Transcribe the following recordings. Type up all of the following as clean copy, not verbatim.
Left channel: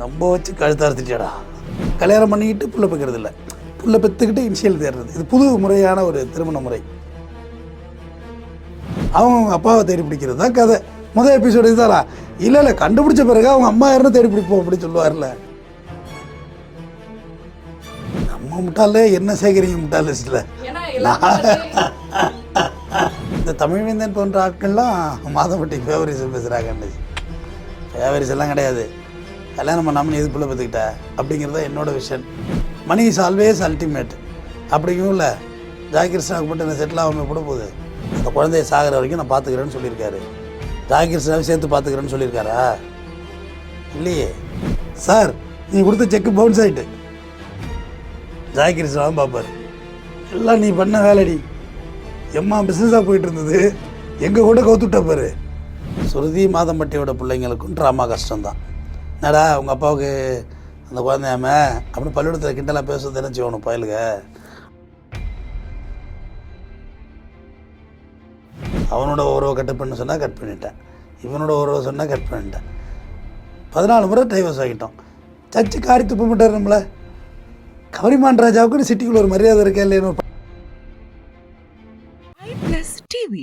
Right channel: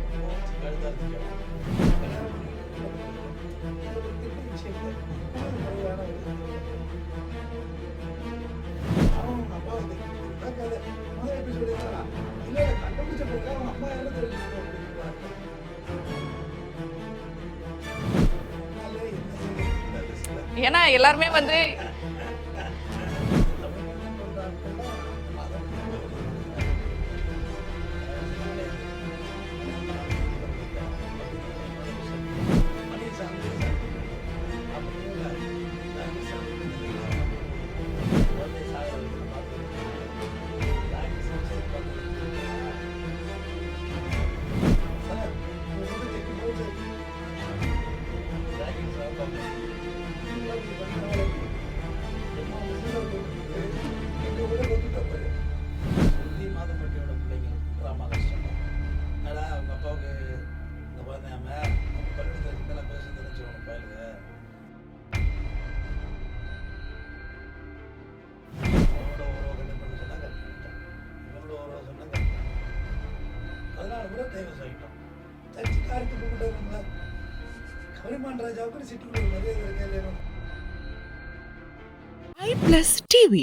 நம்ம வச்சு கழுத்து அறுத்துட்டேடா. கல்யாணம் பண்ணிக்கிட்டு புள்ள பெக்கிறது இல்லை, புள்ள பெற்றுக்கிட்டு இனிஷியல் தேடுறது. இது புது முறையான ஒரு திருமண முறை. அவங்க அப்பாவை தேடி பிடிக்கிறது தான் கதை. முதல் எபிசோடு இதுதானா? இல்லை கண்டுபிடிச்ச பிறகு அவங்க அம்மா யாருன்னு தேடி பிடிப்போம் அப்படின்னு சொல்லுவார்ல. நம்ம முட்டாளே என்ன சேகரிங்க முட்டாள் லிஸ்ட்டில். இந்த தமிழ்வேந்தன் போன்ற ஆட்கள்லாம் மாதம்பட்டி ஃபேவரிசம் பேசுகிறாங்க. ஃபேவரிஸ் எல்லாம் கிடையாது. கல்யாணம் பண்ணாமல் எது பிள்ளை பார்த்துக்கிட்ட அப்படிங்கிறது தான் என்னோட விஷயம். மணி இஸ் ஆல்வேஸ் அல்டிமேட் அப்படிங்கும் இல்லை. ஜாகிருஷ்ணாவுக்கு மட்டும் என்ன செட்டில் ஆகாமல் கூட போகுது. அந்த குழந்தைய சாகிற வரைக்கும் நான் பார்த்துக்கிறேன்னு சொல்லியிருக்காரு. ஜாகிருஷ்ணாவை சேர்த்து பார்த்துக்கிறேன்னு சொல்லியிருக்காரா? இல்லையே சார். நீ கொடுத்த செக்கு பவுன்ஸ் ஆகிட்டு ஜாகிருஷ்ணாவும் பார்ப்பார். எல்லாம் நீ பண்ண வேலைடி. எம்மா பிஸ்னஸாக போயிட்டு இருந்தது, எங்கள் கூட கவுத்துட்டாப்பார். சுருதி மாதம்பட்டியோட பிள்ளைங்களுக்கும் ட்ராமா கஷ்டம்தான். என்னடா உங்கள் அப்பாவுக்கு அந்த குழந்தையாம அப்படி பள்ளிக்கூடத்தில் கிண்டலாக பேச தெரிஞ்சு வேணும் பயலுங்க. அவனோட உறவை கட் பண்ண சொன்னால் கட் பண்ணிட்டேன், இவனோட உறவை சொன்னால் கட் பண்ணிட்டேன். 14 முறை டைவர்ஸ் ஆகிட்டோம். சர்ச்சு காரி துப்ப மாட்டார் நம்மளை. கவரிமான் ராஜாவுக்கு சிட்டிக்குள்ள ஒரு மரியாதை இருக்கா இல்லையா? iPlus TV,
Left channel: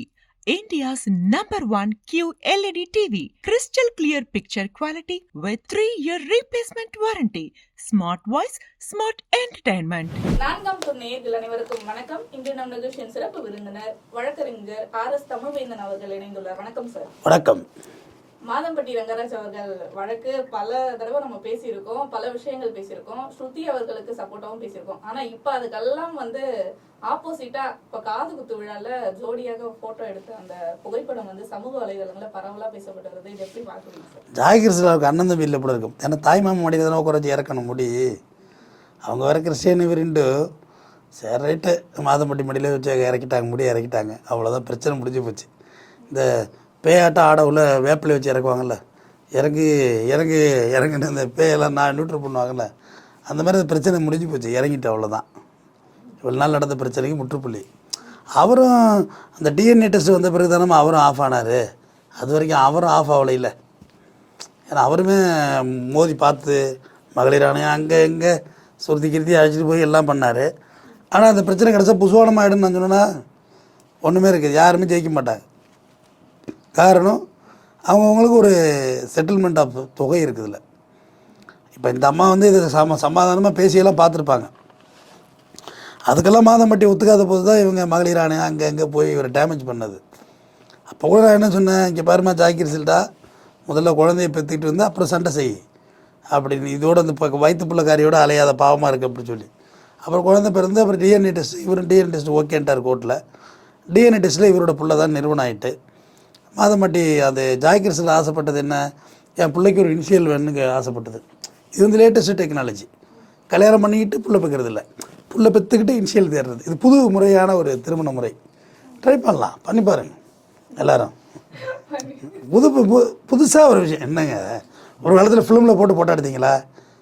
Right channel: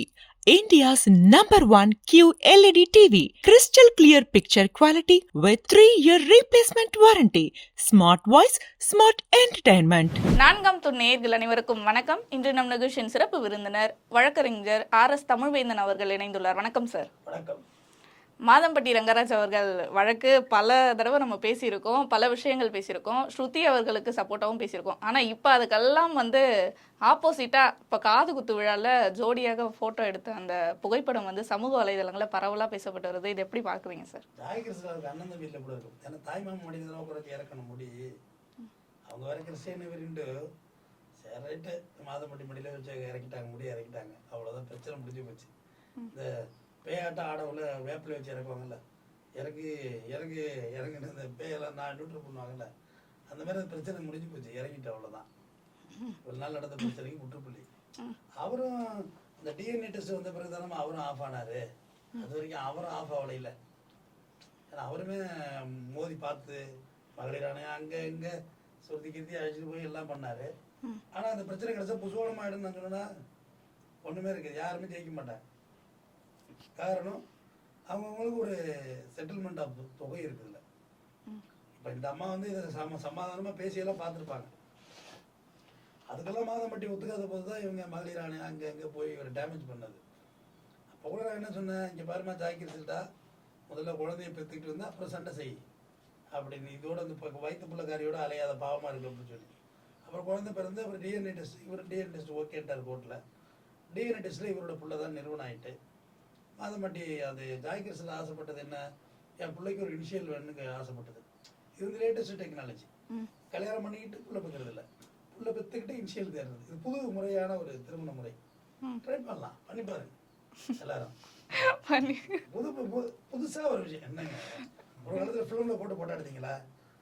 India's #1 QLED TV. Crystal clear picture quality with 3-year replacement warranty. Smart voice, smart entertainment. 4ஆம் துணை நேயர்கள் அனைவருக்கும் வணக்கம். இன்று நம் நிகழ்ச்சியின் சிறப்பு விருந்தினர் வழக்கறிஞர் RS தமிழ்வேந்தன் அவர்கள் இணைந்துள்ளார். வணக்கம் சார். வணக்கம். மாதம்பட்டி ரங்கராஜ் அவர்கள் வழக்கு பல தடவை நம்ம பேசியிருக்கோம், பல விஷயங்கள் பேசியிருக்கோம், ஸ்ருதி அவர்களுக்கு சப்போர்ட்டாகவும் பேசியிருக்கோம். ஆனால் இப்போ அதுக்கெல்லாம் ஆப்போசிட்டாக இப்போ காது குத்து விழாவில் ஜோடியாக ஃபோட்டோ எடுத்த அந்த புகைப்படம் சமூக வலைதளங்களில் பரவலாக பேசப்பட்டு வருது. இது எப்படி பார்க்குறீங்க சார்? ஜாகிருஷ்ணாவுக்கு அண்ணன் தம்பி இல்லை கூட இருக்கும். ஏன்னா தாய்மாமன் மடியில் தானே குறைச்சி இறக்கணும் முடி. அவங்க வேற கிறிஸ்டியன் இவருண்டு சரி ரைட்டு மாதம்பட்டி மடியில் வச்சு இறக்கிட்டாங்க, முடி இறக்கிட்டாங்க. அவ்வளோதான், பிரச்சனை முடிஞ்சு போச்சு. இந்த பேயாட்டம் ஆட உள்ள வேப்பிலை வச்சு இறக்குவாங்கள்ல, இறங்குன்னு இந்த பேயெல்லாம் நியூட்ரல் பண்ணுவாங்கள்ல, அந்த மாதிரி பிரச்சனை முடிஞ்சு போச்சு, இறங்கிட்டு. அவ்வளோதான், இவ்வளோ நாள் நடந்த பிரச்சனைக்கு முற்றுப்புள்ளி. அவரும் அந்த டிஎன்ஏ டெஸ்ட் வந்த பிறகு தானே அவரும் ஆஃப் ஆனார். அது வரைக்கும் அவரும் ஆஃப் ஆகலை இல்லை. ஏன்னா அவருமே மோதி பார்த்து மகளிர் ஆணையம் அங்கே இங்கே சுருதி கிருத்தி அழைச்சிட்டு போய் எல்லாம் பண்ணார். ஆனால் அந்த பிரச்சனை கிடச்சா புசுவானமாக ஆகிடுன்னு நான் சொன்னேன்னா ஒன்றுமே இருக்குது, யாருமே ஜெயிக்க மாட்டாங்க. காரணம் அவங்கவுங்களுக்கு ஒரு செட்டில்மெண்ட் ஆஃப் தொகை இருக்குதுல்ல. இப்போ இந்த அம்மா இதை சமாதானமாக பேசியெல்லாம் பார்த்துருப்பாங்க. அதுக்கெல்லாம் மாதம்பட்டி ஒத்துக்காத போது தான் இவங்க மகளிர் ஆணையம் அங்கே போய் இவரை டேமேஜ் பண்ணது. அப்போ கூட நான் என்ன சொன்னேன், இங்கே பாருமா ஜாக்கிரசில்டா, முதல்ல குழந்தைய பெற்றுக்கிட்டு வந்து அப்புறம் சண்டை செய் அப்படின்னு. இதோட அந்த இப்போ வயிற்று பிள்ளைக்காரியோட அலையாத பாவமாக இருக்குது அப்படின்னு சொல்லி அப்புறம் குழந்தை பிறந்து அப்புறம் டிஎன்ஏ டெஸ்ட், இவரும் டிஎன்ஏ டெஸ்ட் ஓகேன்ட்டார் கோர்ட்டில். டிஎன்ஏ டெஸ்ட்டில் இவரோட பிள்ளை தான் நிறுவனம் ஆகிட்டு. மாதம்பட்டி அது ஜாகிரசில் ஆசைப்பட்டது என்ன, என் பிள்ளைக்கு ஒரு இனிஷியல் வேணுங்க ஆசைப்பட்டது. இது லேட்டஸ்ட்டு டெக்னாலஜி. கல்யாணம் பண்ணிக்கிட்டு புள்ள பெக்கிறது இல்லை, புள்ள பெற்றுக்கிட்டு இனிஷியல் தேடுறது. இது புது முறையான ஒரு திருமண முறை. ட்ரை பண்ணலாம், பண்ணி பாருங்க எல்லாரும். புதுசாக ஒரு விஷயம் என்னங்க, ஒரு காலத்தில் ஃபிலிமில் போட்டோ எடுத்தீங்களா,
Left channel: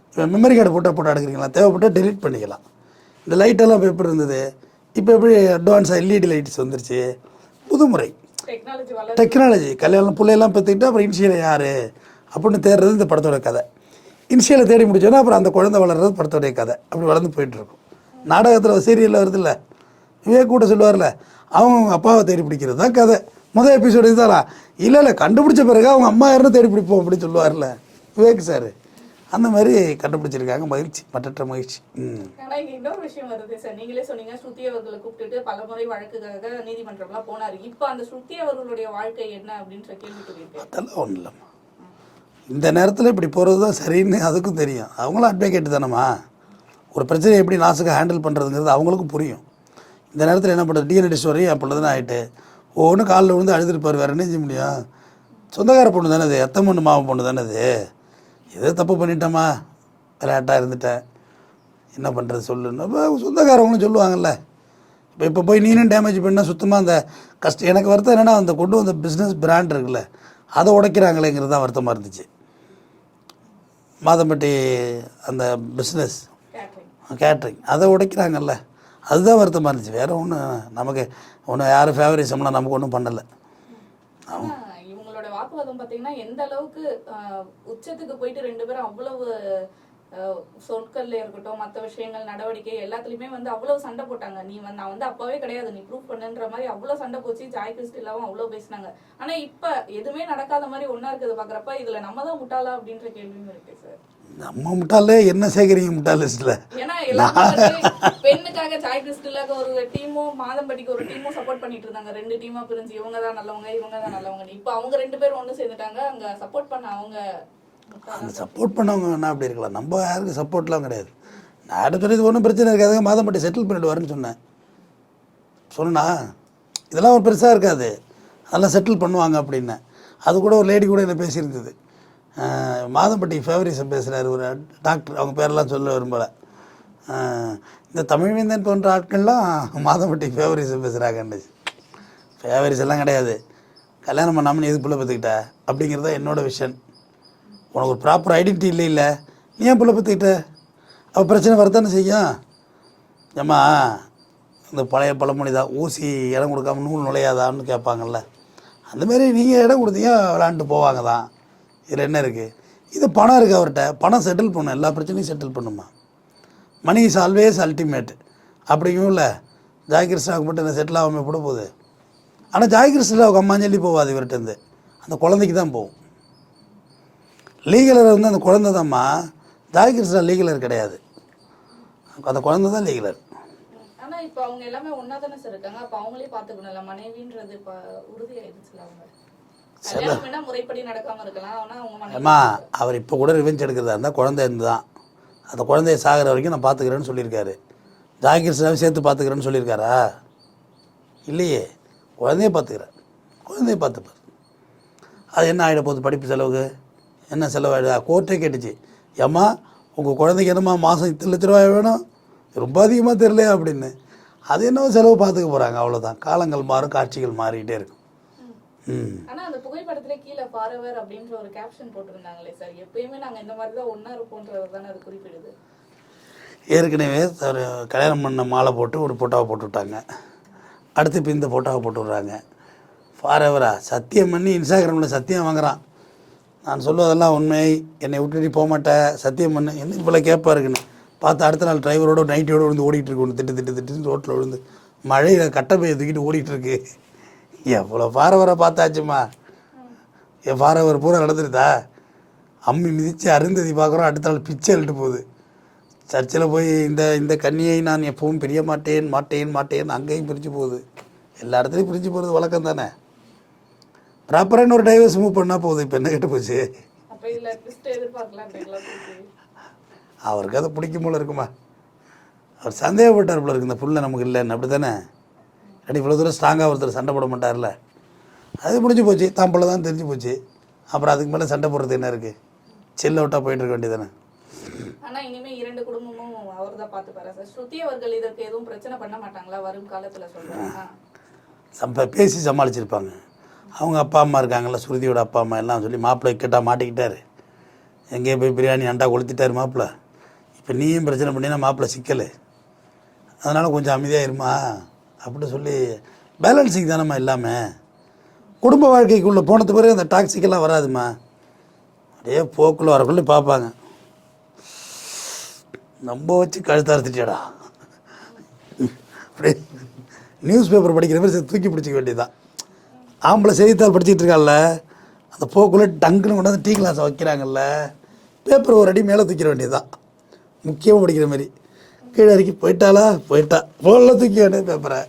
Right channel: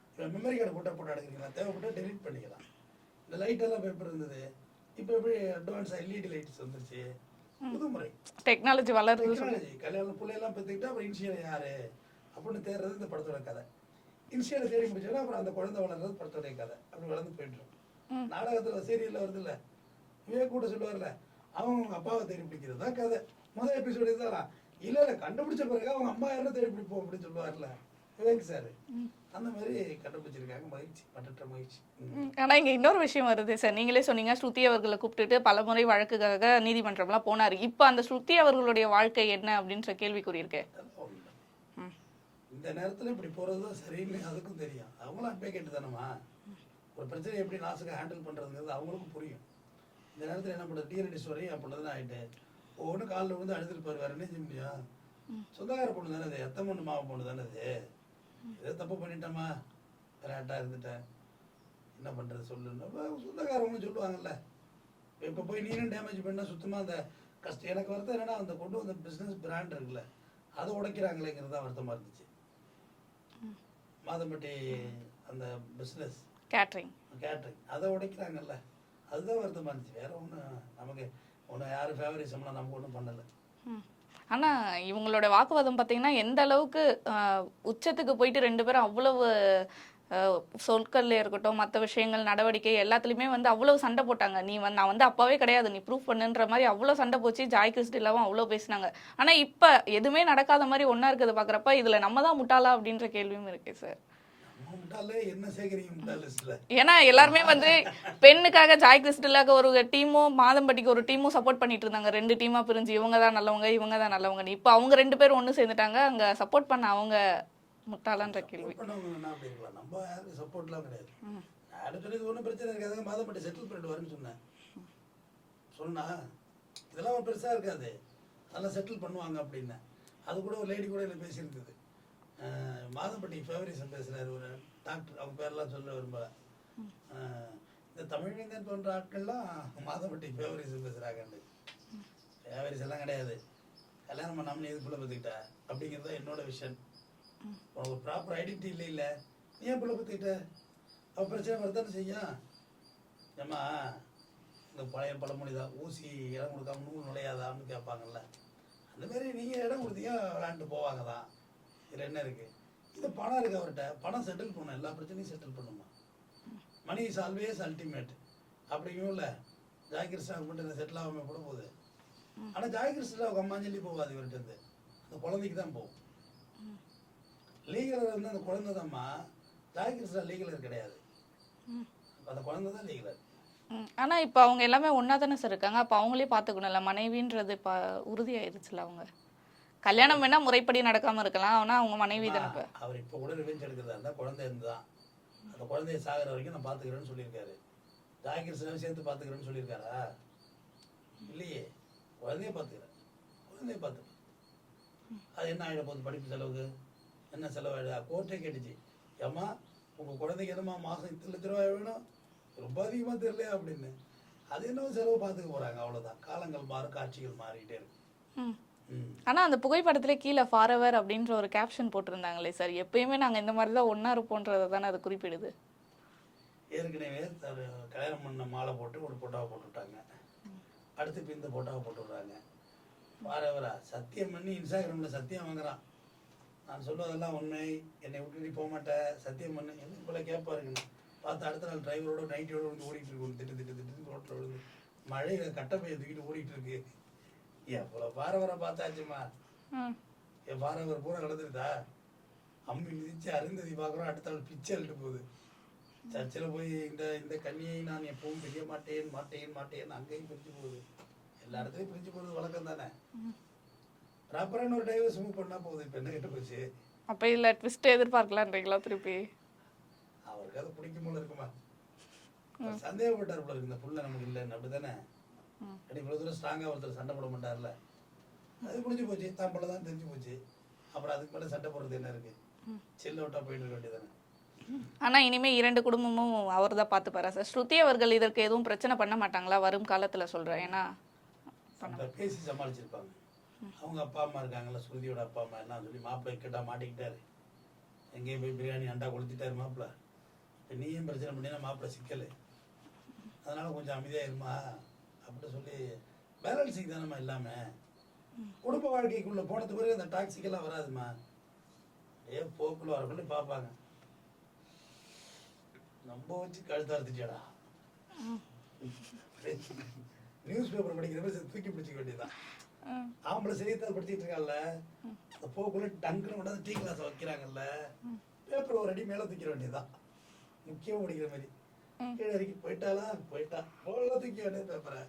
இப்போ மெமரி கார்டு போட்டோ எடுக்கிறீங்களா, தேவைப்பட்டால் டெலிட் பண்ணிக்கலாம். இந்த லைட்டெல்லாம் இப்போ எப்படி இருந்தது, இப்போ எப்படி அட்வான்ஸாக எல்இடி லைட்ஸ் வந்துருச்சு. புது முறை டெக்னாலஜி. கல்யாணம் பிள்ளையெல்லாம் பெற்றுக்கிட்டு அப்புறம் இனிஷியலை யார் அப்படின்னு தேடுறது இந்த படத்தோட கதை. இனிஷியலை தேடி முடிச்சோன்னா அப்புறம் அந்த குழந்தை வளர்றது படத்தோடைய கதை. அப்படி வளர்ந்து போயிட்டுருக்கும். நாடகத்தில் சீரியலில் வருது இல்லை, விவேக் கூட சொல்லுவார்ல, அவங்க அப்பாவை தேடி பிடிக்கிறது தான் கதை. முதல் எபிசோடு இதுதானா? இல்லை கண்டுபிடிச்ச பிறகு அவங்க அம்மா யாருன்னு தேடி பிடிப்போம் அப்படின்னு சொல்லுவார்ல விவேக் சார். அந்த மாதிரி கண்டுபிடிச்சிருக்காங்க. மகிழ்ச்சி, மற்றற்ற மகிழ்ச்சி. ஆனால் இங்கே இன்னொரு விஷயம் வருது சார். நீங்களே சொன்னீங்க ஸ்ருதி அவர்களை கூப்பிட்டுட்டு பலமுறை வழக்குக்காக நீதிமன்றம்லாம் போனார். இப்போ அந்த ஸ்ருதி அவர்களுடைய வாழ்க்கை என்ன அப்படின்ற கேள்வி கூறியிருக்கேன். அதெல்லாம் ஒன்றும் இல்லைம்மா, இந்த நேரத்தில் இப்படி போகிறது தான் சரின்னு அதுக்கும் தெரியும். அவங்களும் அட்வொகேட் தானம்மா. ஒரு பிரச்சனையை எப்படி நாசுக்காக ஹேண்டில் பண்ணுறதுங்கிறது அவங்களுக்கும் புரியும். இந்த நேரத்தில் என்ன பண்ணுறது, டிஎன்ஏ டெஸ்ட் வரையும் என் பொண்ணு தான் ஆகிட்டு ஒவ்வொன்றும் காலில் விழுந்து அழுதுருப்பார். வேறு என்ன செய்ய முடியும்? சொந்தக்கார பொண்ணு தானே அது, எத்த பொண்ணு மாவன் பொண்ணு தானே அது. எதோ தப்பு பண்ணிட்டேம்மா, விளையாட்டாக இருந்துட்டேன், என்ன பண்ணுறது சொல்லுன்னு இப்போ சொந்தக்காரவங்களும் சொல்லுவாங்கள்ல. இப்போ போய் நீனும் டேமேஜ் பண்ணால் சுத்தமாக அந்த கஷ்டம். எனக்கு வருத்தம் என்னென்னா, அந்த கொண்டு வந்த பிஸ்னஸ் பிராண்ட் இருக்குல்ல, அதை உடைக்கிறாங்களேங்கிறது தான் வருத்தமாக இருந்துச்சு. மாதம்பட்டி அந்த பிஸ்னஸ் கேட்ரிங் அதை உடைக்கிறாங்கல்ல, அதுதான் வருத்தமாக இருந்துச்சு. வேறு ஒன்றும் நமக்கு ஒன்றும் யாரும் ஃபேவரிசம்லாம் நமக்கு ஒன்றும் பண்ணலை. ஆனால் இவங்களோட அவங்களோட வாக்குவாதம் பார்த்தீங்கன்னா எந்த அளவுக்கு உச்சத்துக்கு போயிட்டு ரெண்டு பேரும் அவ்வளவு சொற்கள்ல இருக்கட்டும், மற்ற விஷயங்கள், நடவடிக்கை எல்லாத்துலயுமே வந்து அவ்வளவு சண்டை போட்டாங்க. நீ வந்து நான் வந்து அப்பாவே கிடையாது, நீ ப்ரூவ் பண்ணுன்ற மாதிரி அவ்வளவு சண்டை போச்சு. ஜாய் கிறிஸ்டிலாவும் அவ்வளவு பேசினாங்க. ஆனா இப்ப எதுவுமே நடக்காத மாதிரி ஒன்னா இருக்கிறத பாக்குறப்ப இதுல நம்ம தான் முட்டாளா அப்படின்ற கேள்வியும் இருக்கு சார். நம்ம முட்டாளே என்ன சேகரிங்க முட்டாள் லிஸ்ட்ல? ஏன்னா எல்லாமே வந்து பெண்ணுக்காக ஜாய் கிறிஸ்டிலாக்கு ஒரு டீமும் மாதம்பட்டிக்கு ஒரு டீமும் சப்போர்ட் பண்ணிட்டு இருந்தாங்க. 2 டீமா பிரிஞ்சு இவங்க தான் நல்லவங்க இவங்க தான் நல்லவங்க. இப்ப அவங்க 2 பேரும் ஒண்ணு சேர்ந்துட்டாங்க. அங்க சப்போர்ட் பண்ண அவங்க சப்போர்ட் பண்ணவங்க என்ன அப்படி இருக்கலாம், நம்ம யாருக்கு சப்போர்ட்லாம் கிடையாது. நான் அடுத்த இது ஒன்றும் பிரச்சனை இருக்காது, மாதம்பட்டி செட்டில் பண்ணிட்டு வரேன்னு சொன்னா இதெல்லாம் ஒரு பெருசாக இருக்காது, அதெல்லாம் செட்டில் பண்ணுவாங்க அப்படின்னு. அது கூட ஒரு லேடி கூட என்ன பேசியிருந்தது, மாதம்பட்டி ஃபேவரிசம் பேசுகிறாரு ஒரு டாக்டர், அவங்க பேரெல்லாம் சொல்ல விரும்பலை. இந்த தமிழ்வேந்தன் போன்ற ஆட்கள்லாம் மாதம்பட்டி ஃபேவரிசம் பேசுகிறாங்கன்னு. ஃபேவரிசெல்லாம் கிடையாது, கல்யாணம் பண்ணாமல் நீ எது புள்ள பற்றுக்கிட்ட அப்படிங்கிறது தான் என்னோடய விஷன். உனக்கு ஒரு ப்ராப்பர் ஐடென்டிட்டி இல்லை, நீ ஏன் புள்ள பற்றுக்கிட்ட? அப்போ பிரச்சனை வரத்தானே செய்யும். ஏம்மா இந்த பழைய பழமொழி தான், ஊசி இடம் கொடுக்காம நூல் நுழையாதான்னு கேட்பாங்கள்ல, அந்தமாரி நீங்கள் இடம் கொடுத்தீங்க விளாண்டுட்டு போவாங்க தான். இதில் என்ன இருக்குது? இது பணம் இருக்குது அவர்கிட்ட, பணம் செட்டில் பண்ணும், எல்லா பிரச்சனையும் செட்டில் பண்ணுமா. மணி இஸ் ஆல்வேஸ் அல்டிமேட் அப்படிங்கும் இல்லை. ஜாய் கிருஷ்ணாவுக்கு மட்டும் என்ன செட்டில் ஆகாமல் போட போகுது. ஆனால் ஜாய் கிருஷ்ணாவுக்கு அம்மாஞ்சொல்லி போகாது இவர்கிட்டருந்து, அந்த குழந்தைக்கு தான் போகும். லீகலர் வந்து அந்த குழந்தை தான்மா, ஜாய் கிருஷ்ணா லீகலர் கிடையாது, அந்த குழந்தை தான் லீகலர். ஆனா இப்போ அவங்க எல்லாமே ஒன்னா தானே சார் இருக்காங்க, அப்போ அவங்களே பார்த்துக்கணும்ல, மனைவின்றது இப்போ உறுதியாயிருச்சுல. அவங்க கல்யாணம் வேணா முறைப்படி நடக்காம இருக்கலாம், ஆனால் அவங்க மனைவி. அவர் இப்போ கூட ரிவெஞ்ச் எடுக்கிறதா இருந்தால் குழந்தை இருந்து தான், அந்த குழந்தைய சாகிற வரைக்கும் நான் பார்த்துக்கிறேன்னு சொல்லியிருக்காரு. ஜாய் கிருஷ்ணாவை சேர்த்து பார்த்துக்கிறேன்னு சொல்லியிருக்காரா? இல்லையே, குழந்தைய பார்த்துப்பார். அது என்ன ஆகிட போகுது, படிப்பு செலவுக்கு என்ன செலவாயிடுதா? கோர்ட்டே கேட்டுச்சு, ஏம்மா உங்கள் குழந்தைக்கு என்னம்மா மாதம் 10 லட்ச ரூபாய் வேணும், ரொம்ப அதிகமாக தெரியல அப்படின்னு. அது என்னவோ செலவு பார்த்துக்க போகிறாங்க, அவ்வளோதான். காலங்கள் மாறும், காட்சிகள் மாறிக்கிட்டே இருக்கும். ஆனா அந்த புகைப்படத்துல கீழே ஃபாரெவர் அப்படின்ற ஒரு கேப்ஷன் போட்டிருந்தாங்களே சார், எப்பயுமே நாங்க இந்த மாதிரி தான் ஒன்னா இருப்போன்றதை தானே அது குறிப்பிடுது. ஏற்கனவே ஒரு கல்யாணம் பண்ண மாலை போட்டு ஒரு ஃபோட்டோவை போட்டு விட்டாங்க, அடுத்து இப்போ இந்த ஃபோட்டோவை போட்டு விட்றாங்க. ஃபாரெவரா? சத்தியம் பண்ணி இன்ஸ்டாகிராமில் சத்தியம் வாங்குறான், நான் சொல்லுவதெல்லாம் உண்மை, என்னை விட்டுட்டு போக மாட்டேன், சத்தியம் பண்ணு. என்ன இவ்வளோ கேட்பா இருக்குன்னு பார்த்து அடுத்த நாள் டிரைவரோட நைட்டியோட விழுந்து ஓடிட்டு இருக்கு, ஒன்று திட்டு ரோட்டில் விழுந்து மழையில் கட்டை பையை தூக்கிட்டு ஓடிட்டுருக்கு. எவ்வளோ ஃபாரெவரை பார்த்தாச்சுமா, என் ஃபாரெவர் பூரா நடந்துருதா? அம்மி மிதித்து அருந்ததி பார்க்குறோம், அடுத்த நாள் பிச்சை எழுட்டு போகுது. சர்ச்சில் போய் இந்த கன்னியை நான் எப்பவும் பிரிய மாட்டேன் அங்கேயும் பிரிஞ்சு போகுது, எல்லா இடத்துலையும் பிரிஞ்சு போகிறது வழக்கம் தானே. ப்ராப்பரான ஒரு டைவர்ஸ் மூவ் பண்ணால் போகுது. இப்போ என்ன கேட்டு போச்சு? அப்போ இல்லை ட்விஸ்ட் எதிர்பார்க்கலான்றீங்களா திருப்பி? அவருக்கு அதை பிடிக்கும் போல இருக்குமா, அவர் சந்தேகப்பட்டார் போல இருக்கு, இந்த புள்ள நமக்கு இல்லைன்னு. அப்படி தானே? ரெடி இவ்வளோ தூரம் ஸ்ட்ராங்காக ஒருத்தர் சண்டை போட மாட்டார்ல, அது முடிஞ்சு போச்சு, தான் போல தான் தெரிஞ்சு போச்சு. அப்புறம் அதுக்கு மேலே சண்டை போடுறது என்ன இருக்குது? செல் அவுட்டாக போயிட்டு இருக்க வேண்டியதானே. ஆனால் இனிமேல் 2 குடும்பமும் அவர் தான் பார்த்துப்பாரா சார்? ஸ்ருதி அவர்கள் இதற்கு எதுவும் பிரச்சனை பண்ண மாட்டாங்களா வரும் காலத்தில் சொல்கிறேன்? ஏன்னா பேசி சமாளிச்சிருப்பாங்க. அவங்க அப்பா அம்மா இருக்காங்கல்ல, ஸ்ருதியோட அப்பா அம்மா எல்லாம் சொல்லி மாப்பிள்ளை கேட்டால் மாட்டிக்கிட்டார், எங்கேயும் போய் பிரியாணி அண்டா கொளுத்திட்டார் மாப்பிள்ளை. இப்போ நீயும் பிரச்சனை பண்ணினா மாப்பிள்ளை சிக்கல், அதனால் கொஞ்சம் அமைதியாக இருமா அப்படி சொல்லி பேலன்சிங் தானம்மா இல்லாமல். குடும்ப வாழ்க்கைக்குள்ளே போனது பிறகு அந்த டாக்ஸிக்கெல்லாம் வராதுமா, அப்படியே போக்குள்ளே வரக்குள்ளே பார்ப்பாங்க, நம்ம வச்சு கழுத்தார்த்திட்டியடா அப்படியே நியூஸ் பேப்பர் படிக்கிற மாதிரி தூக்கி பிடிச்சிக்க வேண்டியதுதான். ஆம்பளை செய்தித்தாள் படிச்சுட்டு இருக்கால, அந்த போக்குள்ளே டங்குன்னு கொண்டாந்து டீ கிளாஸை வைக்கிறாங்கல்ல, பேப்பர் ஒரு அடி மேலே தூக்கிற வேண்டியதுதான். முக்கியமாக படிக்கிற மாதிரி கீழே இறக்கி போயிட்டா போல தூக்கி வேண்டிய பேப்பரை.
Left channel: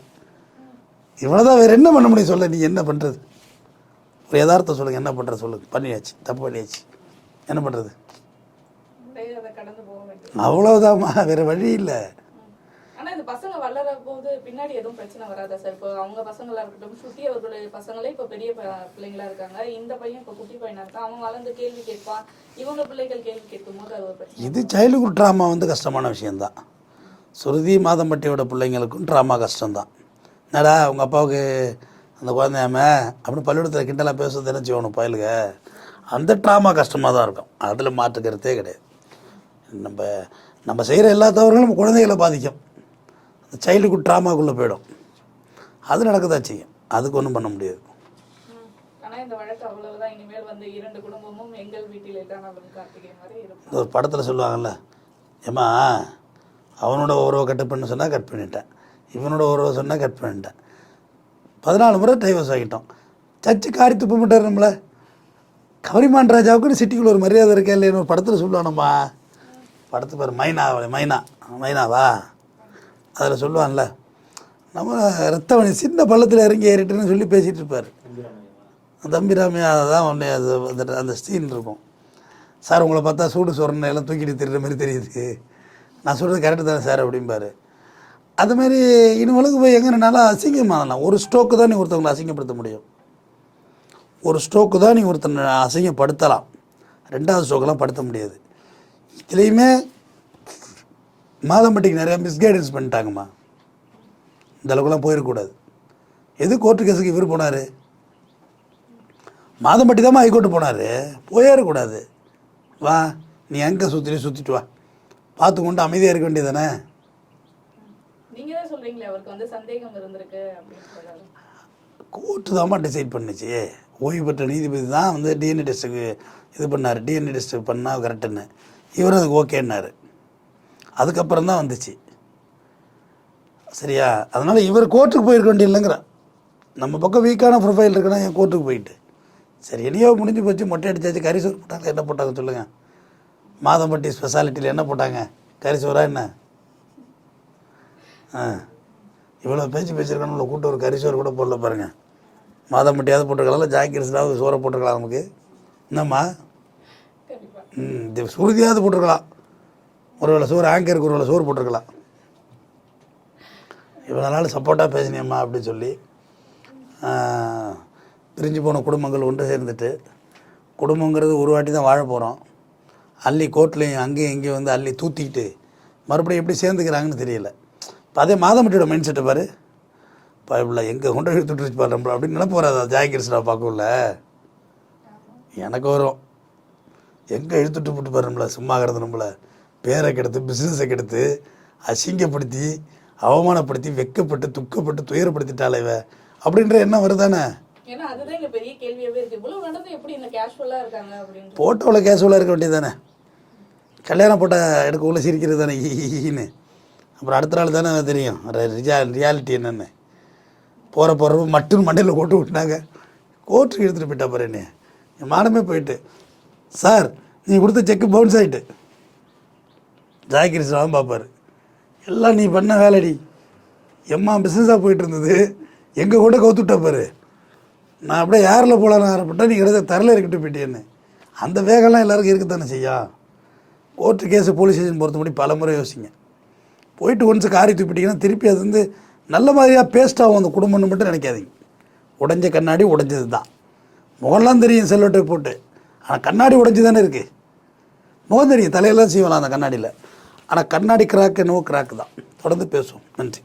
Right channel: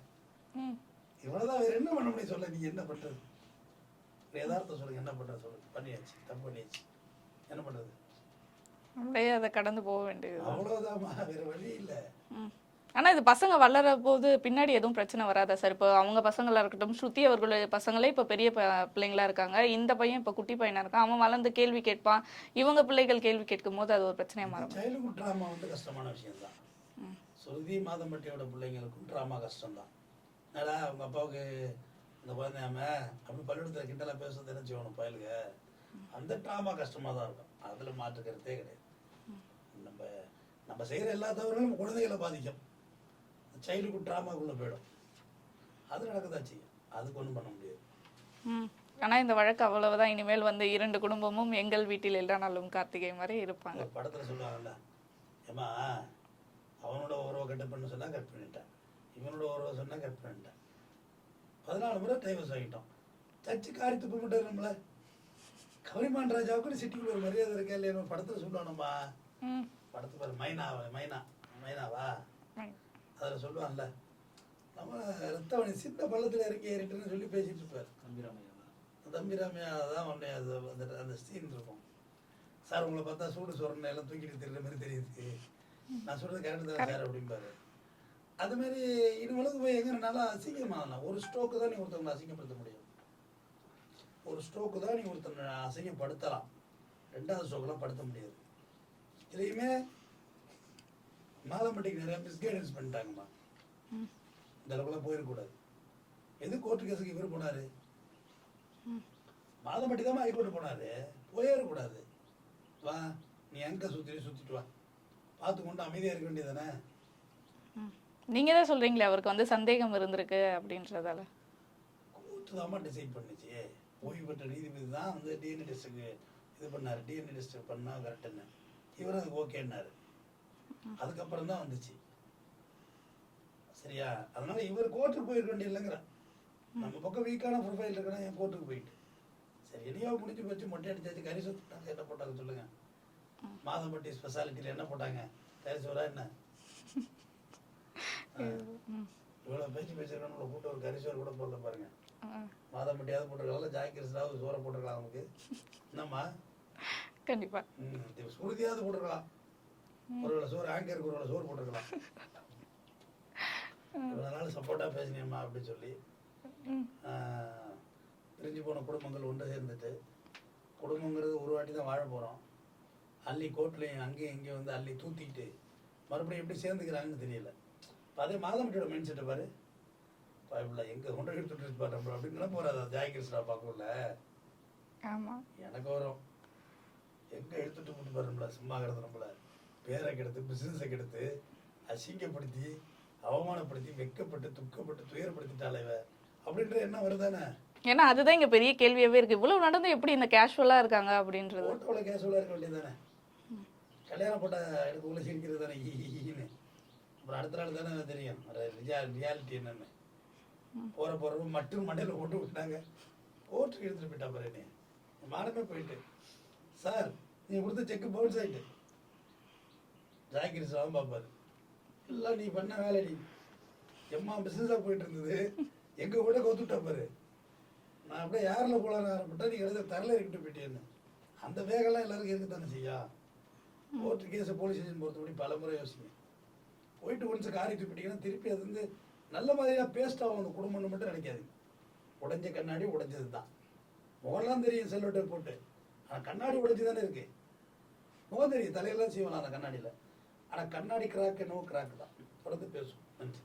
இவ்வளோ தான், வேறு என்ன பண்ண முடியும் சொல்ல? நீ என்ன பண்ணுறது? ஒரு யதார்த்தம் சொல்லுங்கள், என்ன பண்ணுறது சொல்லுங்கள்? பண்ணியாச்சு, தப்பு பண்ணியாச்சு, என்ன பண்ணுறது? அதை கடந்து போக வேண்டியது அவ்வளோதாம்மா, வேறு வழி இல்லை. ஆனால் இது பசங்க வளர போது பின்னாடி எதுவும் பிரச்சனை வராதா சார்? இப்போ அவங்க பசங்களாக இருக்கட்டும், ஸ்ருதி அவர்களுடைய பசங்களே இப்போ பெரிய பிள்ளைங்களா இருக்காங்க, இந்த பையன் இப்போ குட்டி பையனாக இருக்கான், அவன் வளர்ந்து கேள்வி கேட்பான், இவங்க பிள்ளைகள் கேள்வி கேட்கும் போது அது ஒரு பிரச்சனை. இது சைல்டுஹுட் ட்ராமா வந்து கஷ்டமான விஷயந்தான். ஸ்ருதி மாதம்பட்டியோட பிள்ளைங்களுக்கும் ட்ராமா கஷ்டம்தான். என்னடா அவங்க அப்பாவுக்கு அந்த குழந்தையாம அப்படின்னு பள்ளிக்கூடத்தில் கிண்டலாக பேசுறது என்ன செய்யணும் பயலுங்க, அந்த ட்ராமா கஷ்டமாக தான் இருக்கும், அதில் மாற்றுக்கிறதே கிடையாது. நம்ம செய்கிற எல்லா தவறுகளும் நம்ம குழந்தைகளை பாதிக்கும், அந்த சைல்டுஹுட் ட்ராமாக்குள்ளே போயிடும், அது நடக்க தான் செய்யும், அதுக்கு ஒன்றும் பண்ண முடியாது. ஆனா இந்த வழக்கு அவ்வளவுதான், இனிமேல் வந்து 2 குடும்பமும் எங்கள் வீட்டில் எல்லா நாளும் கார்த்திகை மாதிரி இருப்பாங்க. ஒரு படத்தில் சொல்லுவாங்கல்ல, ஏம்மா அவனோட உறவை கட் பண்ண சொன்னால் கட் பண்ணிட்டேன், இவனோட உறவை சொன்னால் கட் பண்ணிட்டேன், 14 முறை டைவர்ஸ் ஆகிட்டோம். சர்ச்சு காரி துப்ப மாட்டார் நம்மளை. கவரிமான் ராஜாவுக்குன்னு சிட்டிக்குள்ள ஒரு மரியாதை இருக்கா இல்லைன்னு ஒரு படத்தில் சொல்லுவானம்மா. படத்து பேர் மைனாவா அதில் சொல்லுவான்ல, நம்ம ரத்தவணி சின்ன பள்ளத்தில் இறங்கி ஏறிட்டுன்னு சொல்லி பேசிகிட்டு இருப்பார் தம்பிராமையா. தான் ஒன்றே அது அந்த சீன் இருக்கும். சார் உங்களை பார்த்தா சூடு சொரணை எல்லாம் தூக்கிட்டு திரிகிற மாதிரி தெரியுது, நான் சொல்கிறது கரெக்டு தானே சார் அப்படிம்பாரு. அதுமாரி இன்னும் உலகம் போய் எங்கேனாலும் அசிங்கமாகலாம். ஒரு ஸ்ட்ரோக்கு தான் நீ ஒருத்தவங்களை அசிங்கப்படுத்த முடியும். ஒரு ஸ்ட்ரோக்கு தான் நீ ஒருத்தனை அசிங்கப்படுத்தலாம், 2வது ஸ்ட்ரோக்கெல்லாம் படுத்த முடியாது. இதுலேயுமே மாதம்பட்டிக்கு நிறையா மிஸ்கைடன்ஸ் பண்ணிட்டாங்கம்மா. இந்த அளவுக்குலாம் போயிடக்கூடாது. எது கோர்ட்டு கேஸுக்கு இவர் போனார்? மாதம்பட்டி தான் ஹைகோர்ட்டு போனார், போயிடக்கூடாது. வா நீ எங்கே சுற்றிட்டு வா, பார்த்து கொண்டு அமைதியாக இருக்க வேண்டியது தானே. நீங்க தான் சொல்றீங்களே அவருக்கு வந்து சந்தேகம் இருந்திருக்கு அப்படின்றதால. கோர்ட்டு தான்மா டிசைட் பண்ணுச்சு. ஓய்வு பெற்ற நீதிபதி தான் வந்து டிஎன்ஏ டெஸ்ட்டுக்கு இது பண்ணார். டிஎன்ஏ டெஸ்ட்டு பண்ணால் கரெக்டுன்னு இவரும் அதுக்கு ஓகேன்னாரு. அதுக்கப்புறம் தான் வந்துச்சு. சரியா? அதனால் இவர் கோர்ட்டுக்கு போயிருக்க வேண்டிய இல்லைங்கிறேன். நம்ம பக்கம் வீக்கான ப்ரொஃபைல் இருக்குன்னா என் கோர்ட்டுக்கு போயிட்டு சரி என்னையோ முடிஞ்சு போச்சு, மொட்டை அடிச்சாச்சு, கரிசோறு போட்டாங்க. என்ன போட்டாங்க சொல்லுங்கள்? மாதம்பட்டி ஸ்பெஷாலிட்டியில் என்ன போட்டாங்க? கரிசோரா என்ன? இவ்வளோ பேசியிருக்கானு உள்ள கூட்ட ஒரு கரிசோறு கூட போடல பாருங்கள். மாதம்பட்டியாவது போட்டிருக்கலாம், ஜாக்கிரஸாவது சோறை போட்டிருக்கலாம். நமக்கு என்னம்மா இந்த சுருதியாவது போட்டிருக்கலாம். ஒரு வேளை சோறு ஆங்கருக்கு ஒரு வேளை சோறு போட்டிருக்கலாம். இவ்வளோ நாள் சப்போர்ட்டாக பேசினியம்மா அப்படின்னு சொல்லி பிரிஞ்சு போன குடும்பங்கள் ஒன்று சேர்ந்துட்டு, குடும்பங்கிறது ஒரு வாட்டி தான் வாழ போகிறோம். அள்ளி கோர்ட்லேயும் அங்கேயும் இங்கேயும் வந்து அள்ளி தூத்திக்கிட்டு மறுபடியும் எப்படி சேர்ந்துக்கிறாங்கன்னு தெரியல. இப்போ அதே மாதம்பட்டியோட மைண்ட் செட்டை பாரு, பயப்பில்ல எங்கே கொண்டு எடுத்துட்டுருச்சு பாரு நம்மள அப்படின்னு நினைப்பு வராதா? ஜாய்கிருஷ்ணா பார்க்கல எனக்கு வரும். எங்கே இழுத்துட்டு போட்டு பாரு நம்மளை, சும்மா கிடந்து நம்மளை பேரை கெடுத்து பிஸ்னஸை கெடுத்து அசிங்கப்படுத்தி அவமானப்படுத்தி வெக்கப்பட்டு துக்கப்பட்டு துயரப்படுத்திட்டாலே இவ அப்படின்ற எண்ணம் வருதானே? ஏன்னா அதுதான் இங்கே பெரிய கேள்வியாகவே இருக்குது. இவ்வளோ நடந்து எப்படி இந்த கேஷுவலாக இருக்காங்க அப்படின்ற. போட்டோவில் கேஷுவலாக இருக்க வேண்டியது தானே. கல்யாணம் போட்ட எடுக்கக்குள்ளே சிரிக்கிறது தானே ஈன்னு. அப்புறம் அடுத்த நாள் தானே தெரியும் ரியாலிட்டி என்னென்னு. போகிறப்ப மட்டும் மண்டையில் போட்டு விட்டாங்க. கோர்ட்டுக்கு எடுத்துகிட்டு போயிட்டா பாரு என்ன. என் மானமே போயிட்டு, சார் நீ கொடுத்த செக்கு பவுன்ஸ் ஆகிட்டு. ஜாய்கிருஷ்ணாவும் பார்ப்பார், எல்லாம் நீ பண்ண வேலைடி, எம்மா பிஸ்னஸாக போயிட்டு இருந்தது எங்கள் கூட கவுத்துட்டா பாரு. நான் அப்படியே யாரில் போகலான்னு ஆரம்பிட்டேன், நீ கிட்ட தரல இருக்கிட்டு போயிட்டேன்னு. அந்த வேகம்லாம் எல்லாருக்கும் இருக்குத்தானே செய்யா. கோர்ட்டு கேஸு போலீஸ் ஸ்டேஷன் பொறுத்த முடி பல முறை யோசிங்க. போயிட்டு ஒன்ஸ் காரி தூப்பிட்டிங்கன்னா திருப்பி அது வந்து நல்ல மாதிரியாக பேஸ்ட்டாகும் அந்த குடும்பம்னு மட்டும் நினைக்காதீங்க. உடஞ்ச கண்ணாடி உடஞ்சது தான். முகம்லாம் தெரியும் செல்வட்டை போட்டு, ஆனால் கண்ணாடி உடஞ்சி தானே இருக்குது. முகம் தெரியும், தலையெல்லாம் செய்யலாம் அந்த கண்ணாடியில். ஆனால் கண்ணாடி கிராக் என்னவோ கிராக்கு தான். தொடர்ந்து பேசுவோம். நன்றி.